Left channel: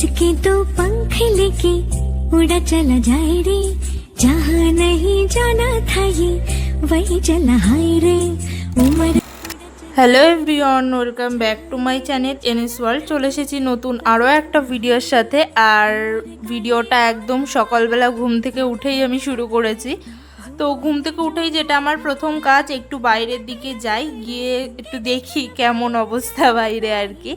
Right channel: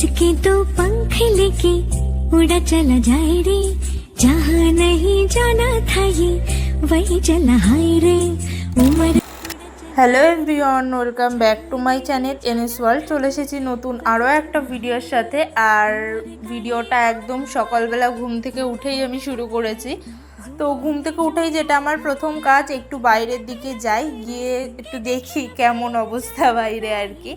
इसके तो पंख लेके उड़ा चला जाए रे जहाँ नहीं जाना था ये वही चला हाय रे उम्र hello everyone welcome back to my channel NS world চলে এসেছি নতুন আরও একটা ভিডিওর সাথে আর ভিডিওটা একদম সকালবেলা ঘুম থেকে উঠেই আমি শুরু করেছি তো ঘুম থেকে উঠেই যেটা আমার প্রথম কাজ একটু বাইরের দিকে যাই গিয়ে একটু দেখি কেমন অবস্থা বাইরে আর কি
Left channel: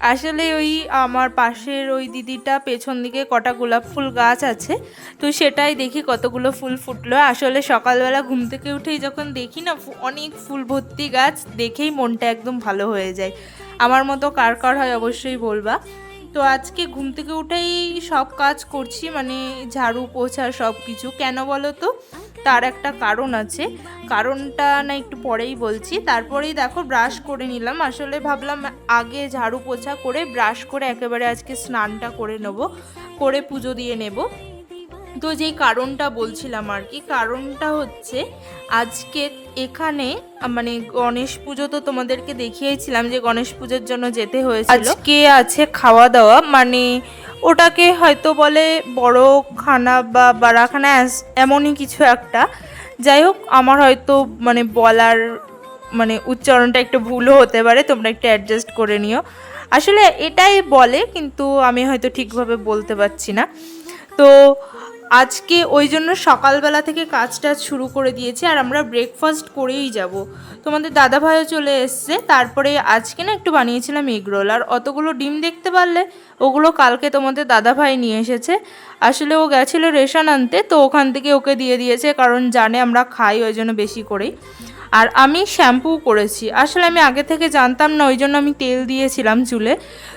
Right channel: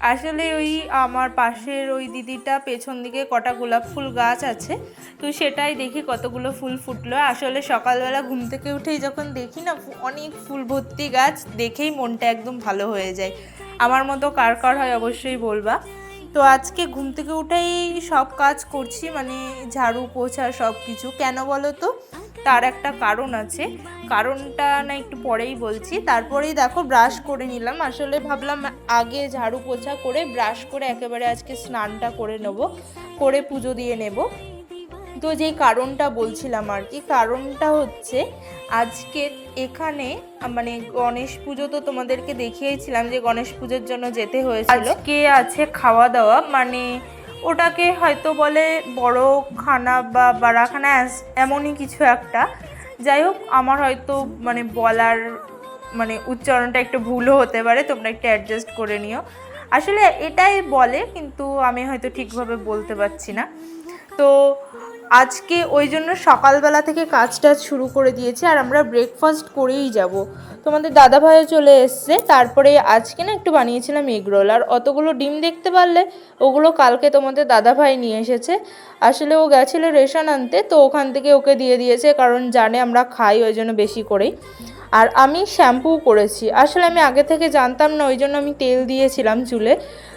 আসলে ওই আমার পাশের ওই দিদিটা পেছন দিকে কটা গোলাপ ফুল গাছ আছে, তো সেটাই দেখি কতগুলো ফুল ফুটলো। আসলে সকালবেলা ঘুম থেকে উঠেই যখন দেখি না অনেক ফুল ভর্তি গাছ, দেখেই মনটা একদম ভালো হয়ে যায়। আমার মতো কার কার হয় অবশ্যই বলবা। তো আজকে ঘুম থেকে উঠেই সব কাজ করছি মানে ঝাড়ু, পোছা সব কিছু কেন বলো তো? তার একটা কারণ আছে। কারণটা না একটু পরেই বলছি। তারপরেই দেখো ব্রাশ করে নিলাম। আসলে ভাবলাম আগে ঝাড়ু পোছা করে ব্রাশ করে একেবারে আজকে স্নানটা করে নেব, করে পুজো দিয়ে নেব। তো যেই কারণটা বলছিলাম আর কি, কারণটা হচ্ছে আজকে এখানে মানে গণেশ পুজো তো তোমাদেরকে দেখিয়েছিলাম যে গণেশ পুজোর জন্য যেতে হয়েছিল। আজকে আছে খাওয়া দাওয়া মানে ওটাকে হয়তো বলে বড় খানা বা বাড়াখানা এমনই কিছু একটা। যাই হোক, আমার হয়তো মানে বলার মানে উচ্চারণটা একটু ভুলও হতে পারে, তোমরা একটু অ্যাডজাস্ট করে নিও। আসলে এটাই বলে, কিন্তু আমি হয়তো ঠিকভাবে বলতে পারছি না। তো আজকে ওই জন্য সকালবেলা থেকে কাজটা শুরু করে দিয়েছি আর আমরা ব্রেকফাস্ট করেই যাব। তোমাদের দাদা ভাইও চলে এসছে, তারপরে আজকে না একটু বানিয়েছিলাম এগরোল আর অতগুলো ডিম দেখতে পারলে ওগুলো কালকে তোমাদের দাদা ভাই নিয়ে এসেছে। আসলে ও গেছিল রেশন আনতে, তো ওখান থেকে ওকে দিয়ে দিয়েছে, কারণ জানে আমরা খাই ওই জন্য বেশি করেই। আর আমি শ্যাম্পু করেছি। আসলে আমি আগে থেকে জানতাম না, ওই জন্য আমি তেল দিয়েছিলাম চুলে।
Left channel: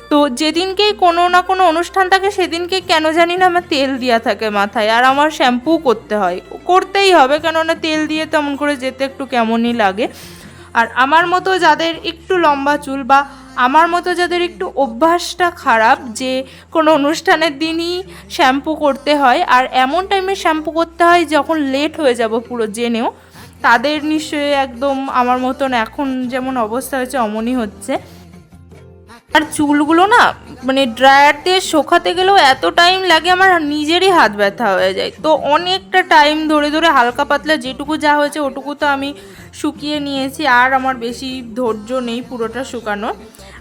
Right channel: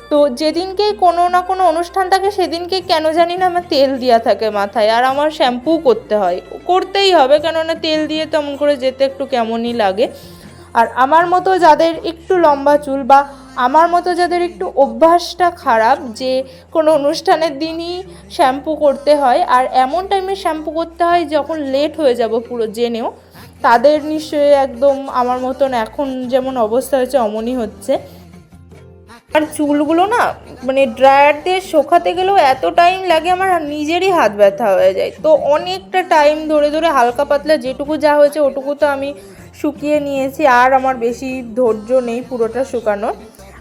তো যেদিনকেই কোনো না কোনো অনুষ্ঠান থাকে, সেদিনকে কেন জানি না আমার তেল দেওয়া থাকে মাথায়। আর আমার শ্যাম্পু করতে হয়। করতেই হবে, কেননা তেল দিয়ে তেমন করে যেতে একটু কেমনই লাগে। আর আমার মতো যাদের একটু লম্বা চুল বা আমার মতো যাদের একটু অভ্যাসটা খারাপ, যে কোনো অনুষ্ঠানের দিনই শ্যাম্পু করতে হয়। আর এমন টাইমে শ্যাম্পু করতে হয় যখন লেট হয়ে যাব পুরো জেনেও। তাদের নিশ্চয়ই একদম আমার মতন এখন যেমন অবস্থা হয়েছে, অমনই হচ্ছে। আর চুলগুলো না মানে ড্রায়ার দিয়ে শোকাতে গেলেও এত টাইম লাগে আমার নিজেরই হাত ব্যথা হয়ে যায়। তো অনেকটা টাইম ধরে ধরে হালকা পাতলা যেটুকু যা হয়েছে, ওটুকু তো আমি শুকিয়ে নিয়েছি, আর আমার বেশি ধৈর্য নেই পুরোটা শুকানো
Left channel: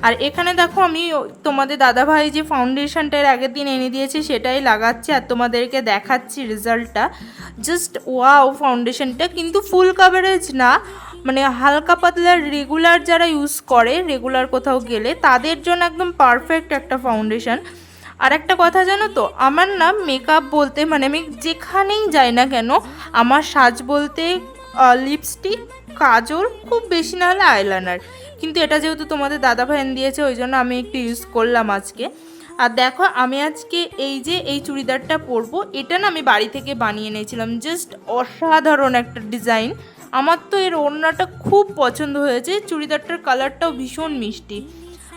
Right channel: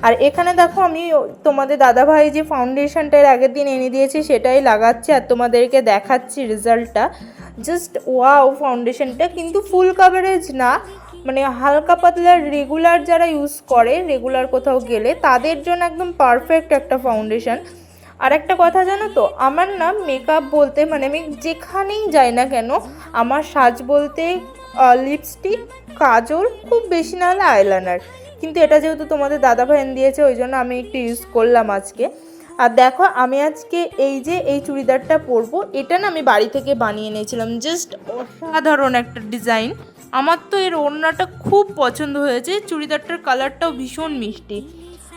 আর এখানে দেখো আমি তোমাদের দাদাভাই যে ফাউন্ডেশনটা এর আগের দিন এনে দিয়েছি, সেটাই লাগাচ্ছি আর তোমাদেরকে দেখাচ্ছি রেজাল্টটা। জাস্ট ওয়াও ফাউন্ডেশনটা কিন্তু ফুল কাভারেজ না মানে হালকা পাতলা রেগুলার যারা ইউজ করে রেগুলার কোথাও গেলে, তাদের জন্য একদম পারফেক্ট একটা ফাউন্ডেশন আর একটা কথা জানো তো, আমার না মেকআপ বলতে মানে আমি যেখানেই যাই না কেন, আমার সাজ বলতে লিপস্টিক কাজল, খুব বেশি না হলে আইলাইনার কিন্তু এটা যেহেতু তোমাদের দাদা ভাইন দিয়েছে, ওই জন্য আমি একটু ইউজ করলাম আজকে। আর দেখো, আমি আজকে এই যে এই চুড়িদারটা পরবো, এটা না আমি বাড়ি থেকে বানিয়ে নিয়েছিলাম জাস্ট অসাধারণ একটা ডিজাইন আমার তো এর ওড়নাটা খুব পছন্দ হয়েছে, চুড়িদারটার কালারটাও ভীষণ মিষ্টি।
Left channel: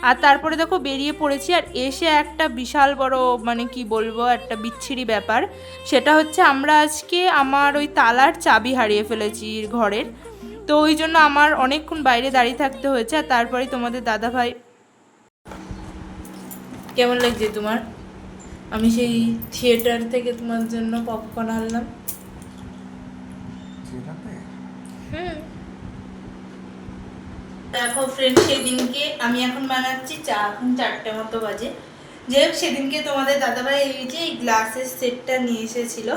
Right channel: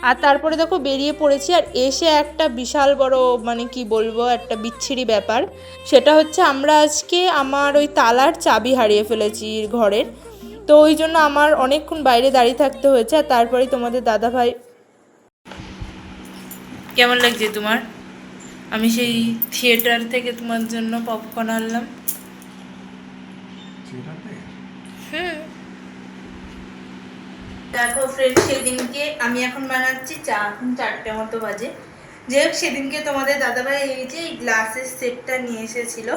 আর তারপরে দেখো, বেরিয়ে পড়েছি, আর এসে একটা বিশাল বড় মানে কি বলব, একটা বিচ্ছিরি ব্যাপার। সেটা হচ্ছে আমরা আজকে আমার ওই তালার চাবি হারিয়ে ফেলেছি ঘরের। তো ওই জন্য আমার অনেকক্ষণ বাইরে দাঁড়িয়ে থাকতে হয়েছে আর তারপরেই তোমাদের দাদা ভাই কেমন লাগছে তোমার? আমি সেই থিয়েটার থেকে তোমার জন্য পপকর্ন আনলাম। দেখো ফ্রেন্ড সেদিনকে আমি এখন বানাচ্ছি চা এখন চারটে মতো বাজে। যে হোক সেদিনকে তোমাদের দাদাভাই এই যে এই গ্লাসের সেটটা নিয়ে এসেছিল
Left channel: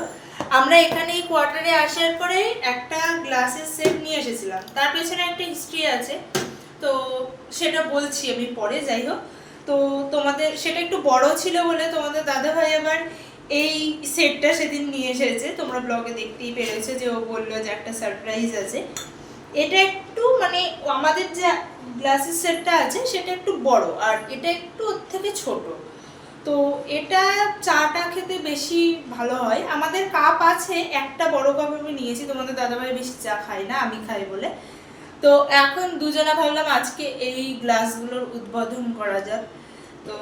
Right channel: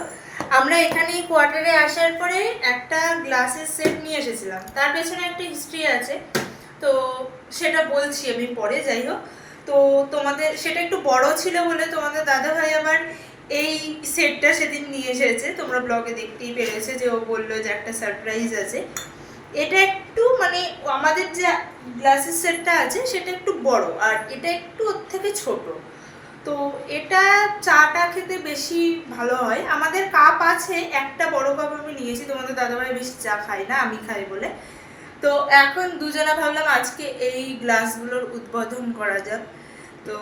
আমরা এখানে কোয়ার্টারে আসার পরে একটা গ্লাসের সেট নিয়ে এসেছিলাম। তার পেছনে একটা হিস্ট্রি আছে। তো সেটা বলছি আমি পরে, যাই হোক। তো তোমাদের, সেটা একটু বড় ছিল বলে তোমাদের দাদাভাই আবার এই সেটটা সেদিন নিয়ে এসেছে। তোমরা ব্লগে দেখতেই পেরেছে যে ও বলল যে একটা সারপ্রাইজ আছে। এটা একটু মানে আমাদের যে গ্লাসের সেটটা আছে, সেটা একটু বড়। আর এটা একটু ওর থেকে ছোট। তো এটা চাটা খেতে বেশি ভালো হয়। আমাদের কাপ আছে একটা বড় কাপ আমি নিয়েছি। তোমাদের দাদাভাই বেশি চা খাই না আমি খাই বলে। তো এখন দুজনে ভাবলাম আজকে এই গ্লাসগুলোর উদ্বোধন করা যাক। তো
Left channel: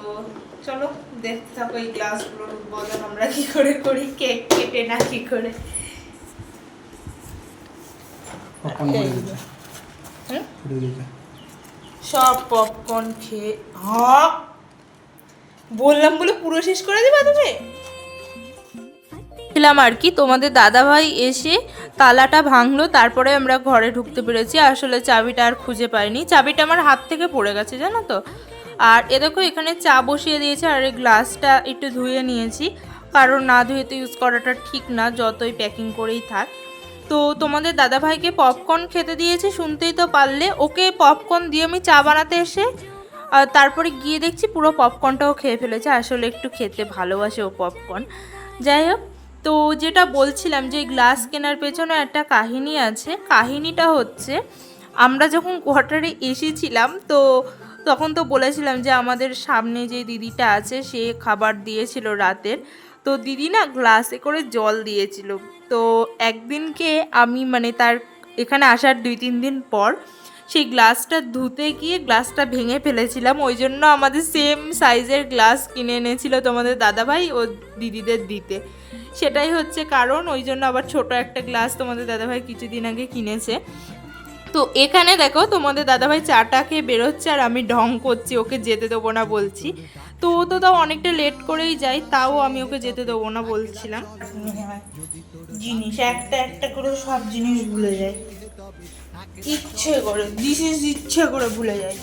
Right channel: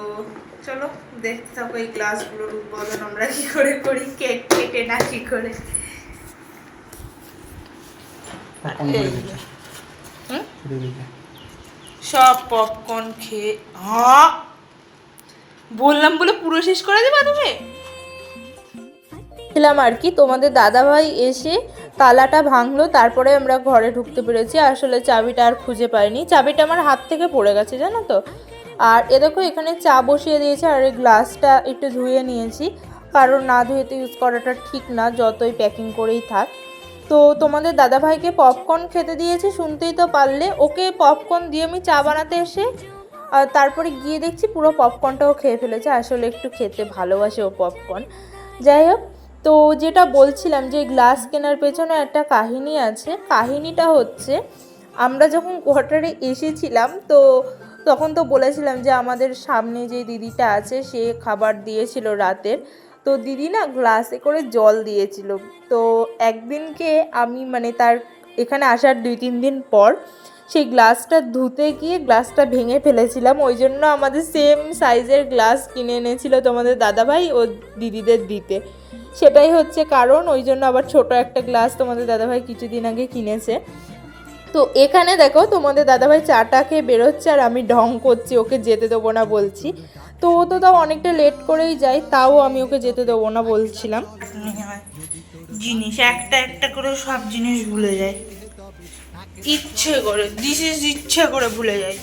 চলো দেখতে থাকো এই গ্লাসগুলোর উদ্বোধন আমরা কি করে করি কেক কেটে না কি করে। সব পপকর্ন খেয়ে হা বললাম বলে পুরো শেষ করে দেবা তুমি? ছিলাম আর কি, তোমাদের দাদাভাই এসে তালাটা ভাঙলো, তারপরে আমরা ঘরে ঢুকতে পেরেছি। আসলে চাবিটা আর খুঁজে পাইনি। চাবিটা আমার হাত থেকে পড়ে গেছে, জানো তো? আর এ দেখো, এখানে চা বসিয়ে দিয়েছে, আর এই গ্লাসটা একটু ধুয়ে নিয়েছি। কারণ না ধুয়ে তো ইউজ করাটা ঠিক না, যতই প্যাকিং করেই থাক। তো তোমাদের দাদাভাইকে পপকর্ন খেতে দিয়েছি, শুনতেই তো পারলে। ওকে পপকর্ন দিয়ে আমি চা বানাতে এসে তারপরে গিয়ে দেখছি পুরো পপকর্নটাও খেয়ে ফেলেছে। আসলে একটু খেতে ভালোবাসে ও পপকর্ন যাই হোক, তো যেটা বলছিলাম যে গ্লাস কেনার পেছনে একটা কাহিনী আছে। কাহিনীটা হচ্ছে, আমরা যখন কোয়ার্টারে এসেছিলাম, তো তখন তো বলেছিলাম যে আমাদের সামনে যে দিদিটা আছে, সে খাবার দিয়েছিল রাতের। তো দিদি না গ্লাসে করে জল দিয়েছিল। তো একদিনকে আমি মানে তার এখানে আসার দুই তিন দিন পর সেই গ্লাসটা ধুতে গিয়ে গ্লাসটা ভেঙে ফেলেছিলাম। ওই জন্য আমাদের সেম সাইজের গ্লাস কিনে এনেছিল তোমাদের দাদাভাই ও দিদিদের দিতে। সেটাই হচ্ছে কারণ, ওই জন্য আবার ছোট একটা গ্লাস তোমাদের দাদাভাই কিছুদিন আগে কিনেছে। তো এখানে দেখো, তোমাদের দাদাভাই চাটা খেয়ে বেরোচ্ছে আর আমি ঢং করছি, ওকে যেতে দেবো না বলছি। তো ও তো তাও অনেকটা লেট করেই যায়, তাও আমি ওকে যেতে দেবো না বলছিলাম। জিনিস, একটা একটা করে সব জিনিস ভুলে যায়। ইচ্ছে করে দিস ইজ ইচ্ছে করে ভুলে যায়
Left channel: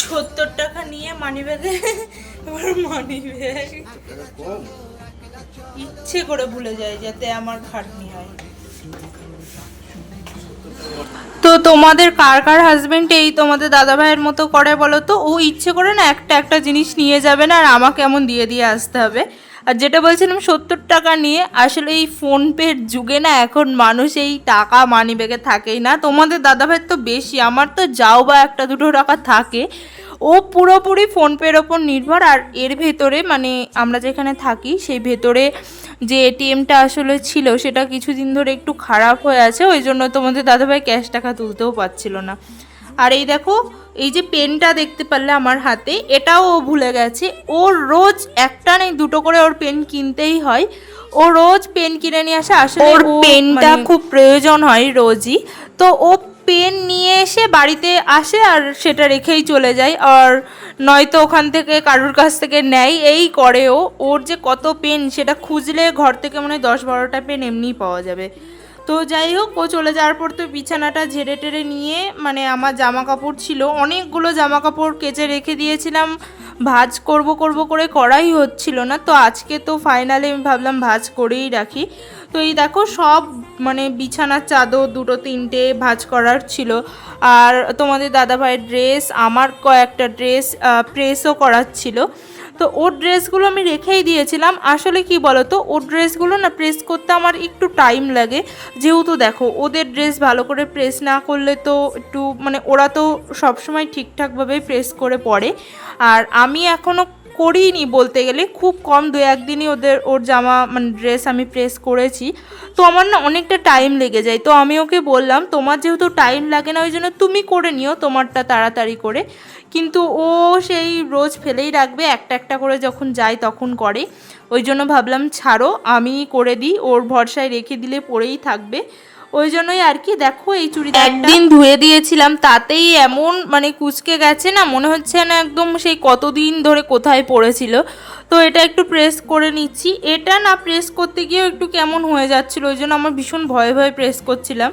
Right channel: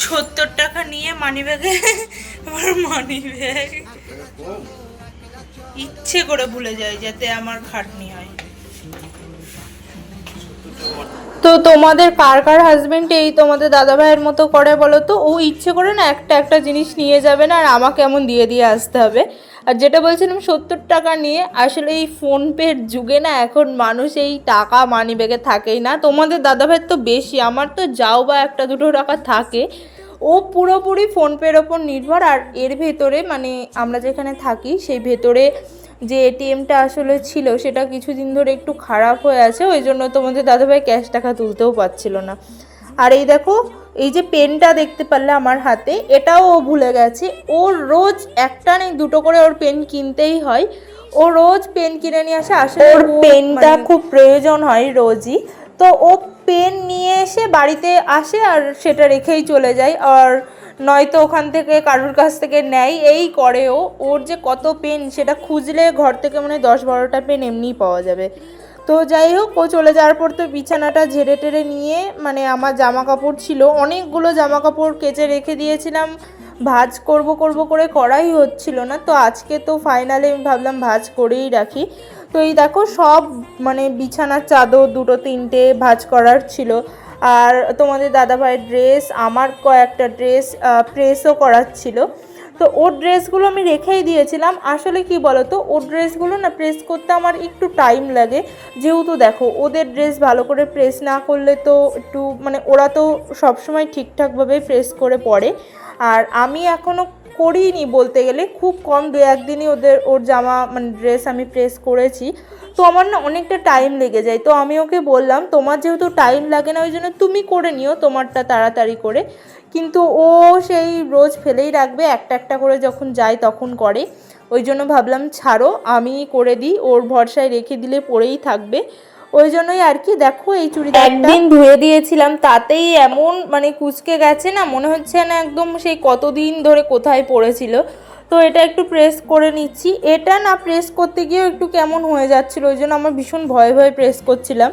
সত্তর টাকা নিয়ে মানি ব্যাগে আমার মানি ব্যাগ ইচ্ছে করে ভুলে যায় যাতে আমার খাটনি হয়। তো তোমাদের কার কার হাজবেন্ড এই তোমাদের দাদা ভাইয়ের মতো করে বলো তো? ও ইচ্ছে করে না একটা একটা জিনিস নিয়ে যাবে না, আর আমাকে এমন দিয়ে দিয়ে আসতে হবে। আর যেটা বলছিলাম, সত্তর টাকা নিয়ে আসলে এই ফোনপের যুগে না এখন মানুষ এই টাকা মানি ব্যাগে থাকেই না। তোমাদের দাদা ভাইয়ের তো বেশি, আমার তো যাও বা একটা দুটো টাকা থাকে। ও পুরোপুরি ফোনপের ওপর নির্ভর আর এর ভেতরে মানে আমরা যেখানে থাকি, সেই ভেতরে যে এটিএমটা আসলে ছিল, সেটা কিছুদিন ধরে একটু খারাপ হয়ে আছে। ওই জন্য তোমাদের দাদাভাই ক্যাশ টাকা তুলতেও পারছিল না। আর এই দেখো এই যে পেনটা দেখতে পারলে আমার হাতে এটাও ও ভুলে গেছে। ও রোজ একটা নেই দুটো করে ওর পেন কিনতেই হয়। ও রোজ পেন কিনে নিয়ে আসে আসলে ওর পেনটা খুব প্রয়োজন হয় রোজই। তো ও পেন নিয়ে এসে বাড়িতে আসে আর সেটা রেখেই চলে যায়। আর নয়তো ওখান থেকে কারুর কাছ থেকে নেয় এই করে ও ওর যে কত পেন সেটা খুঁজলে ঘর থেকে মনে হয় দশ বারোটা পেন এমনিই পাওয়া যাবে। তো যাই হোক, ও চলে যাওয়ার পর তো বিছানাটা ঝেড়ে টেড়ে নিয়ে মানে আমার জামা কাপড় ছিল, অনেকগুলো জামা কাপড় কেচে রেখে দিয়েছিলাম। ভাজ করব করব করে করাই হচ্ছিল না, তো আজকে তো ফাইনালি আমি ভাবলাম ভাজ করেই রাখি। তো এই দেখো, সব মানে বিছানার চাদর দুটো তিনটে ভাজ করার ছিল। আর তোমাদের দাদাভাইয়ের ড্রেস আমার কয়েকটা ড্রেস প্রেসও করার ছিল। তো ওর ড্রেসগুলো আমি রেখেই দিয়েছিলাম। আসলে কি তো ওর ড্রেসগুলো না প্রেস করতে আমার একটু টাইম লাগে। যেহেতু দেখো, ওদের ড্রেস ভালো করে প্রেস না করলে তো একটু মানে ওরা তো সবসময় ঠিকঠাকভাবেই প্রেস করে পড়ে। আর আমি এখনও করিনি বলতে গেলে। খুব কম দু একদিনই ওদের, ওর জামা মানে ড্রেস আমি প্রেস করেছি। তো আমার না অনেকটা টাইম লেগে যায়। তো আমি ওকে বললাম, তোমার যেহেতু টাইম লাগে না ওই জন্য তুমি করে নিও তোমারটা তাড়াতাড়ি করে। কিন্তু ও সেই রোজ ফেলেই রাখবে, একটা একটা করে যখন যায় তখন করে। ওই জন্য ভাবলাম, ছাড়ো আমি করে দিই। ওর ভরসায় রেখে দিলে পরেই থাকবে। ওই জন্যই আর কি, দেখো এই চুড়িদার একদিন ধুয়ে দিয়েছিলাম, তাতেই এমন মানে কুচকে গেছে না, মনে হচ্ছে না একদম সেই কতদিন ধরে কোথায় পড়েছিল। তো এটা একটু প্রেস করে নিচ্ছি। এটা না প্রেস করতে গিয়েও একটু কেমন হয়ে যাচ্ছিল, ওই জন্য আমার ভীষণ ভয়ে ভয়ে প্রেস করছিলাম।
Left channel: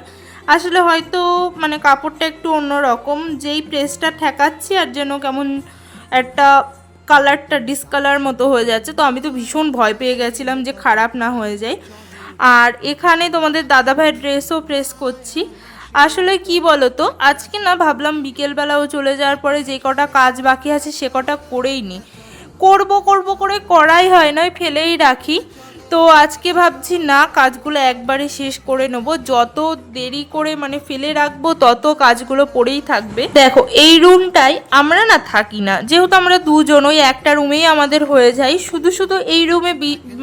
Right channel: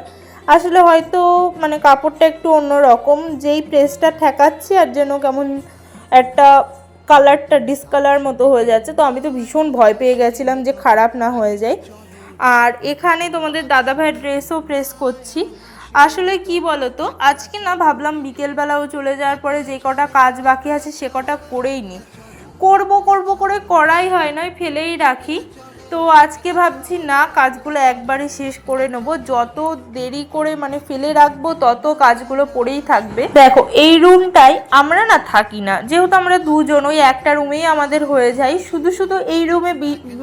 আসলে হয়তো মানে কাপড়টা একটু অন্যরকম, যেই প্রেসটা ঠেকাচ্ছি আর যেন কেমন একটা কালারটা ডিসকালার মতো হয়ে যাচ্ছে। তো আমি তো ভীষণ ভয় পেয়ে গেছিলাম যে খারাপ না হয়ে যায়। আর এখানে তোমাদের দাদা ভাইয়ের ড্রেসও প্রেস করছি। আসলে কি বলো তো আজকে না ভাবলাম বিকেলবেলাও চলে যাওয়ার পরে যে কটা কাজ বাকি আছে সে কটা করেই নি। করব করব করে করাই হয় নয় ফেলেই রাখি। তো আজকে ভাবছি, না, কাজগুলো একবারে শেষ করে নেব। যত দেরি করে মানে ফেলে রাখব, তত কাজগুলো পড়েই থাকবে। দেখো, এই রুমটাই আমরা না থাকি না। যেহেতু আমরা দুজন ওই একটা রুমেই আমাদের হয়ে যায়। শুধু শুধু এই রুমে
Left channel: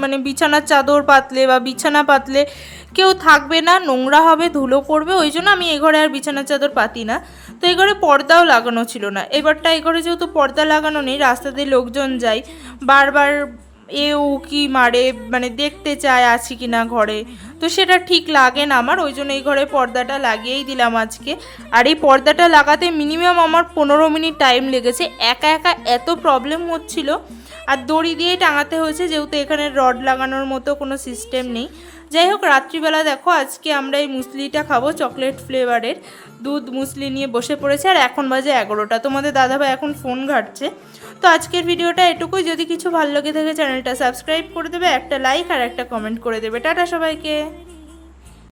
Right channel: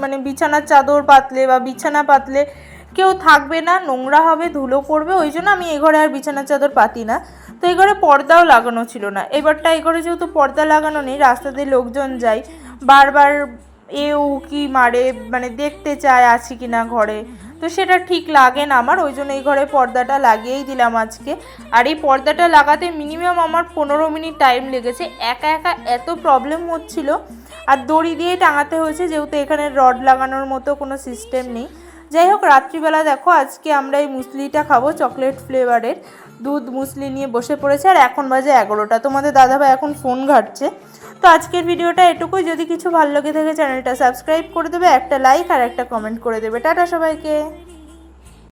মানে বিছানার চাদর পাতলে বা বিছানা পাতলে কেউ থাকবে না, নোংরা হবে, ধুলো পড়বে, ওই জন্য আমি এ ঘরে আর বিছানার চাদর পাতি না। তো এই ঘরে পর্দাও লাগানো ছিল না। এবারটা এই ঘরে যেহেতু পর্দা লাগানো নেই রাস্তা দিয়ে লোকজন যায়, বারবার এ উকি মারে মানে দেখতে চায় আছি কি না ঘরে। তো সেটা ঠিক লাগে না আমার, ওই জন্য এই ঘরে পর্দাটা লাগিয়েই দিলাম আজকে। আর এই পর্দাটা লাগাতে মিনিমাম আমার পনেরো মিনিট টাইম লেগেছে। একা একা এত প্রবলেম হচ্ছিল। আর দড়ি দিয়ে টাঙাতে হয়েছে, যেহেতু এখানে রড লাগানোর মতো কোনো সিস্টেম নেই। যাই হোক, রাত্রিবেলা দেখো, আজকে আমরা এই মুসলিটা খাব চকলেট ফ্লেভারের দুধ মুসলি নিয়ে বসে পড়েছে, আর এখন বাজে এগারোটা। তোমাদের দাদাভাই এখন ফোন ঘাটছে। তো আজকের ভিডিওটা এটুকুই। যদি কিছু ভালো লেগে থাকে, চ্যানেলটা সাবস্ক্রাইব করে দেবে, একটা লাইক আর একটা কমেন্ট করে দেবে। টাটা সবাইকে।